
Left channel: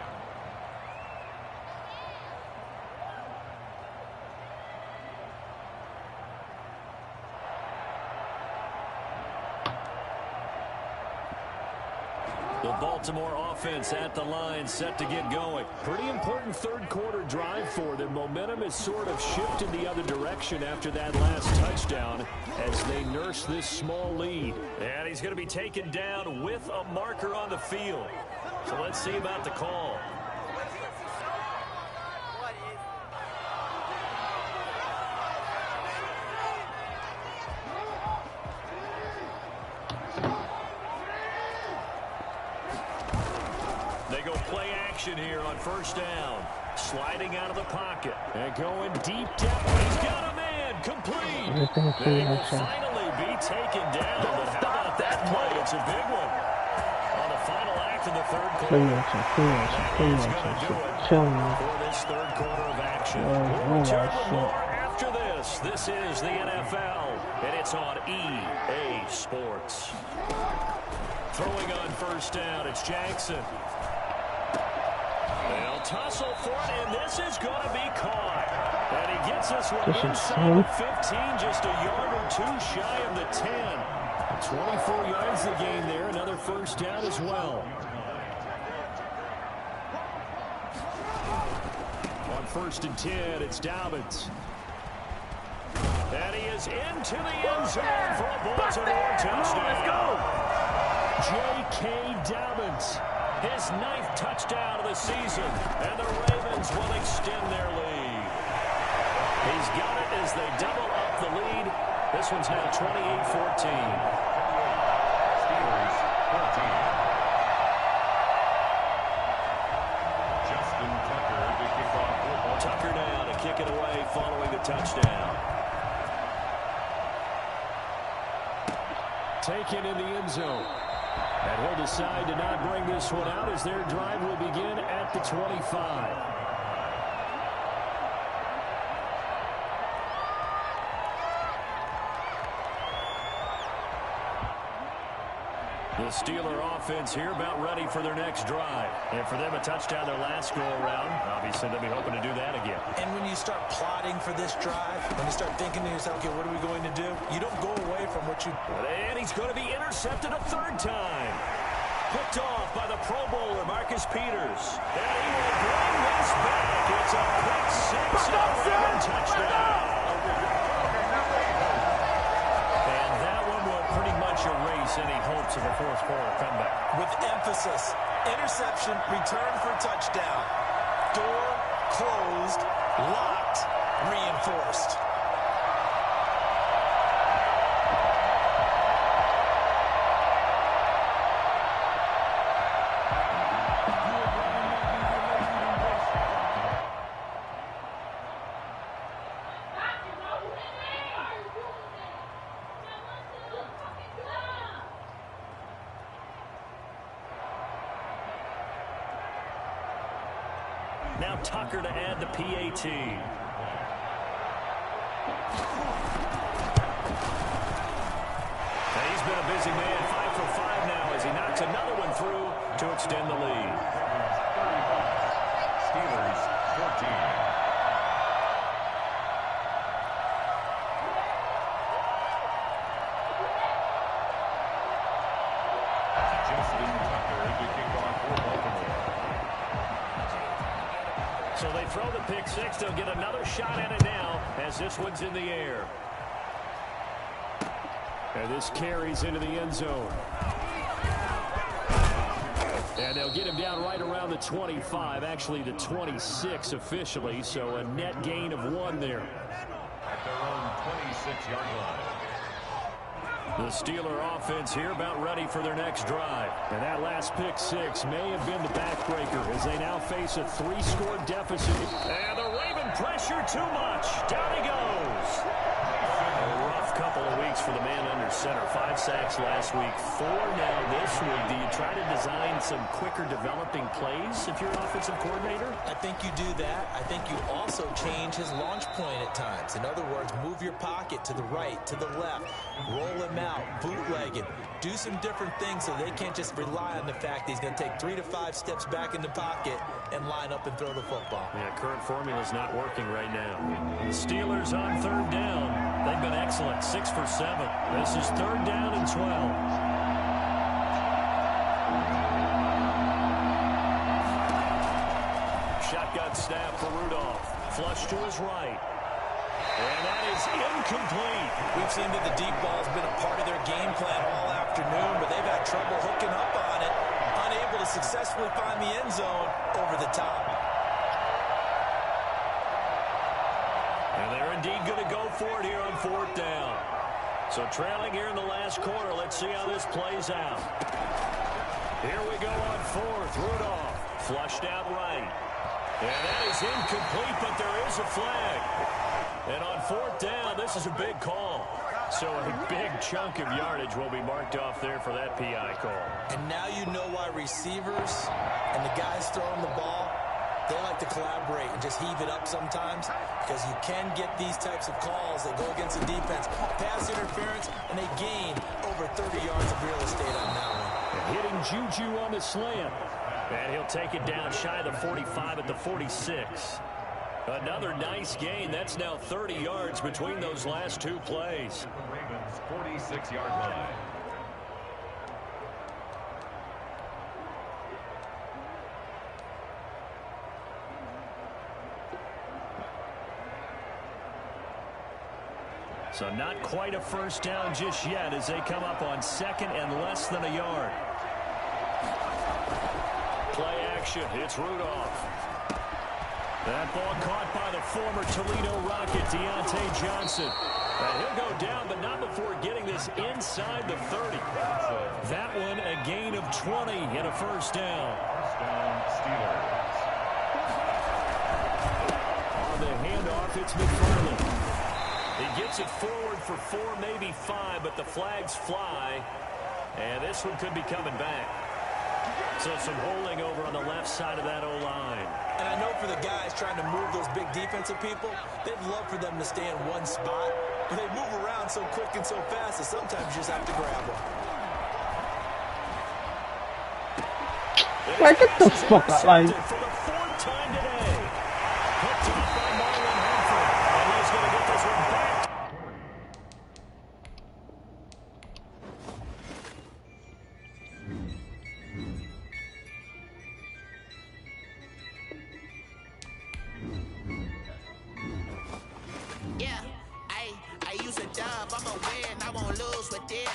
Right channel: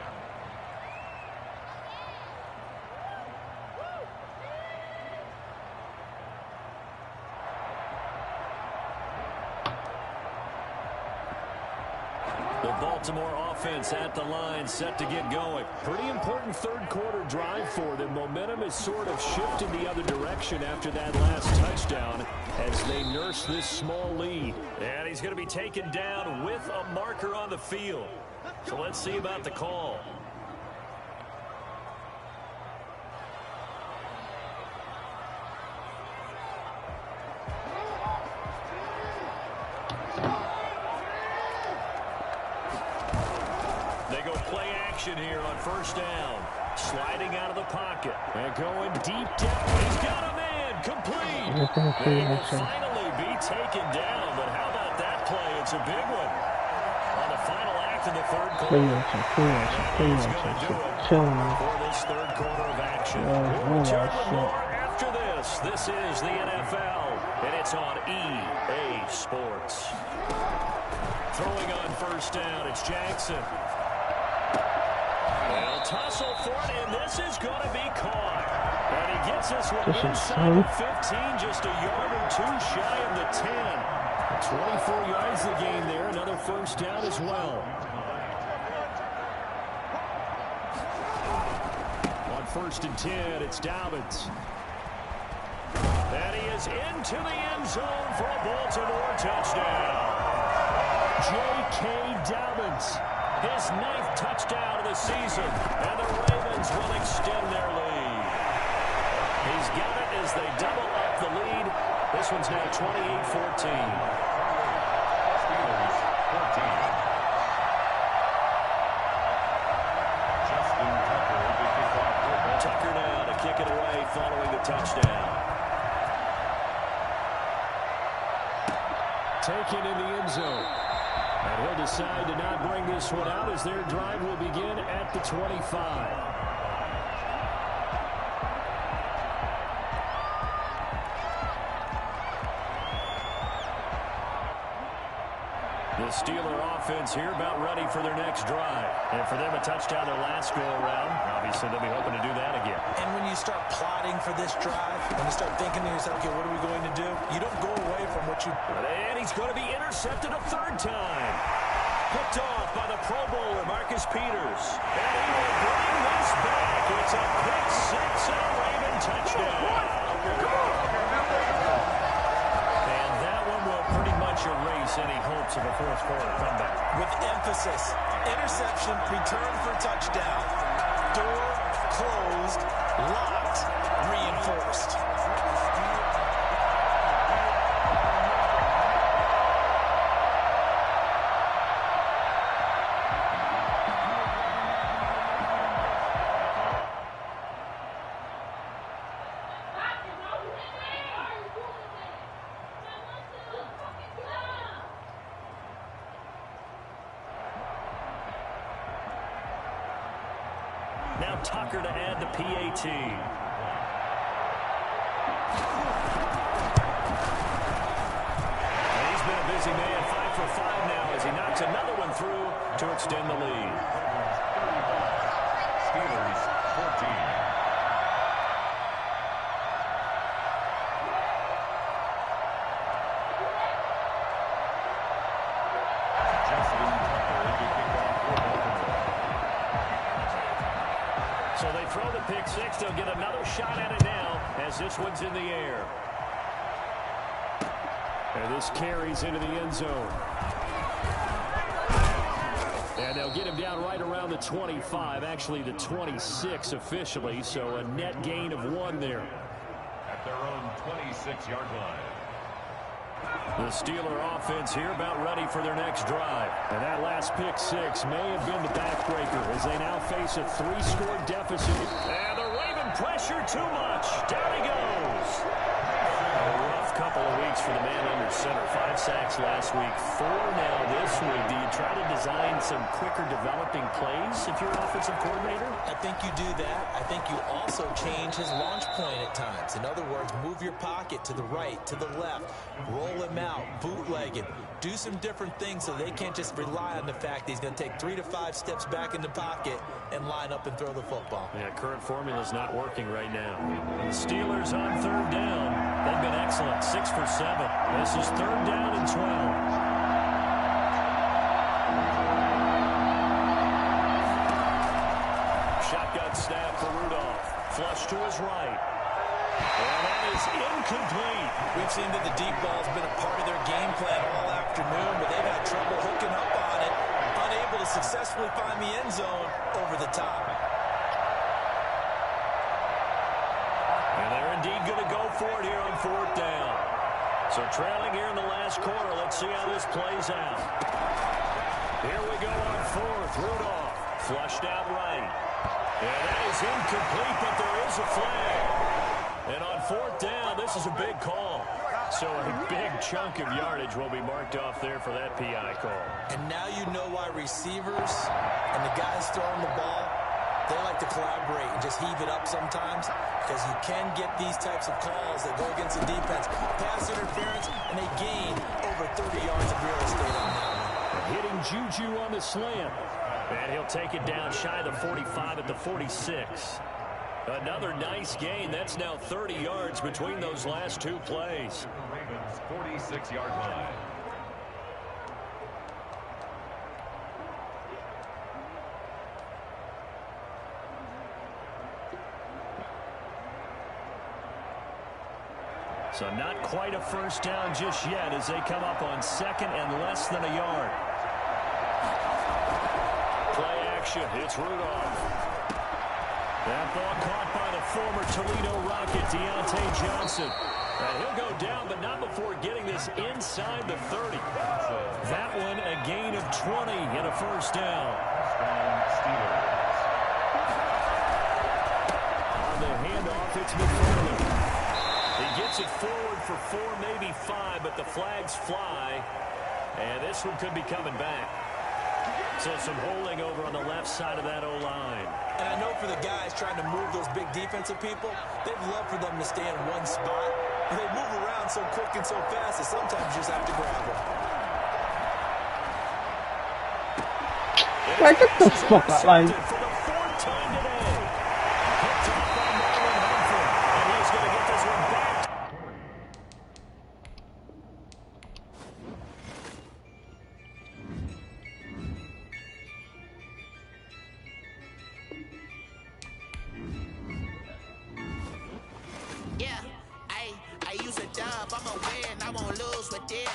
The Baltimore offense at the line, set to get going. Pretty important third quarter drive for them. Momentum has sort of shifted the other direction after that last touchdown as they nurse this small lead. And he's going to be taken down with a marker on the field. So let's see about the call. They go play action here on first down. Sliding out of the pocket. And going deep down. He's got a man. Complete. They will finally be taken down. But how about that play? It's a big one. On the final act of the third quarter. That is going to do it for this third quarter of action. We'll return with more after this. This is the NFL, and it's on EA Sports. Throwing on first down, it's Jackson. They'll tussle for it, and this is going to be caught. And he gets this one inside the 15, just a yard or two shy of the 10. 24 yards the gain there, another first down as well. On first and 10, it's Dobbins. And he is into the end zone for a Baltimore touchdown. J.K. Dobbins. His 9th touchdown of the season, and the Ravens will extend their lead. He's got it as they double up the lead. This one's now 28-14. Steelers 14. Justin Tucker to kick off football. Tucker now to kick it away following the touchdown. Taken in the end zone. And he'll decide to not bring this one out as their drive will begin at the 25. The Steeler offense here about ready for their next drive. And for them, a touchdown their last go-around. Obviously, they'll be hoping to do that again. And when you start plotting for this drive, when you start thinking to yourself, okay, what are we going to do? You don't go away from what you... And he's going to be intercepted a third time. Picked off by the Pro Bowler, Marcus Peters. And he will bring this back. It's a pick six and a Raven touchdown. And that one will pretty much erase any hopes of a fourth quarter comeback. With emphasis, interception, return for touchdown. Door closed, locked, reinforced. Now Tucker to add the PAT. And he's been a busy man, 5 for 5 now as he knocks another one through to extend the lead. 35. Steelers 14. Justin Tucker to kick off for Baltimore. So they throw the pick six. They'll get another shot at it now as this one's in the air. And this carries into the end zone. And they'll get him down right around the 25, actually the 26 officially, so a net gain of 1 there. At their own 26-yard line. The Steeler offense here about ready for their next drive. And that last pick six may have been the backbreaker as they now face a 3-score deficit. And the Raven pressure too much. Down he goes. A rough couple of weeks for the man under center. 5 sacks last week, 4 now this week. Do you try to design some quicker developing plays if you're an offensive coordinator? I think you do that. I think you also change his launch point at times. In other words, move your pocket to the right, to the left, roll him out, bootleg him. Do some different things so they can't just rely on the fact that he's going to take 3 to 5 steps back in the pocket and line up and throw the football. Yeah, current formula's not working right now. The Steelers on third down. They've been excellent, 6 for 7. This is third down and 12. on snap for Rudolph. Flush to his right. And that is incomplete. We've seen that the deep ball's been a part of their game plan all afternoon, but they've had trouble hooking up on it, unable to successfully find the end zone over the top. And they're indeed going to go for it here on 4th down. So trailing here in the last quarter, let's see how this plays out. Here we go on 4th. Rudolph flushed out right. And that is incomplete, but there is a flag. And on 4th down, this is a big call. So a big chunk of yardage will be marked off there for that PI call. And now you know why receivers and the guys throwing the ball, they like to collaborate and just heave it up sometimes, because you can get these types of calls that go against the defense. Pass interference, and they gain over 30 yards of real estate on that one. And hitting Juju on the slant. And he'll take it down shy of the 45 at the 46. Another nice gain. That's now 30 yards between those last two plays. The Ravens' 46-yard line. So not quite a first down just yet as they come up on 2nd and less than a yard. Play action. It's Rudolph. That ball caught by the former Toledo Rocket, Deontay Johnson. And he'll go down, but not before getting this inside the 30. That one a gain of 20 and a first down. First down, Steelers. On the handoff, it's McFarland. He gets it forward for 4, maybe 5, but the flags fly. And this one could be coming back. So some holding over on the left side of that O-line. And I know for the guys trying to move those big defensive people, they'd love for them to stay in one spot. But they move around so quick and so fast that sometimes you just have to grab them. Like, get the fuck out, like. For the 4th time today. Picked off by Marlon Humphrey. And he's going to get this one back. Yeah, I use a dub, I'ma win, I won't lose with this.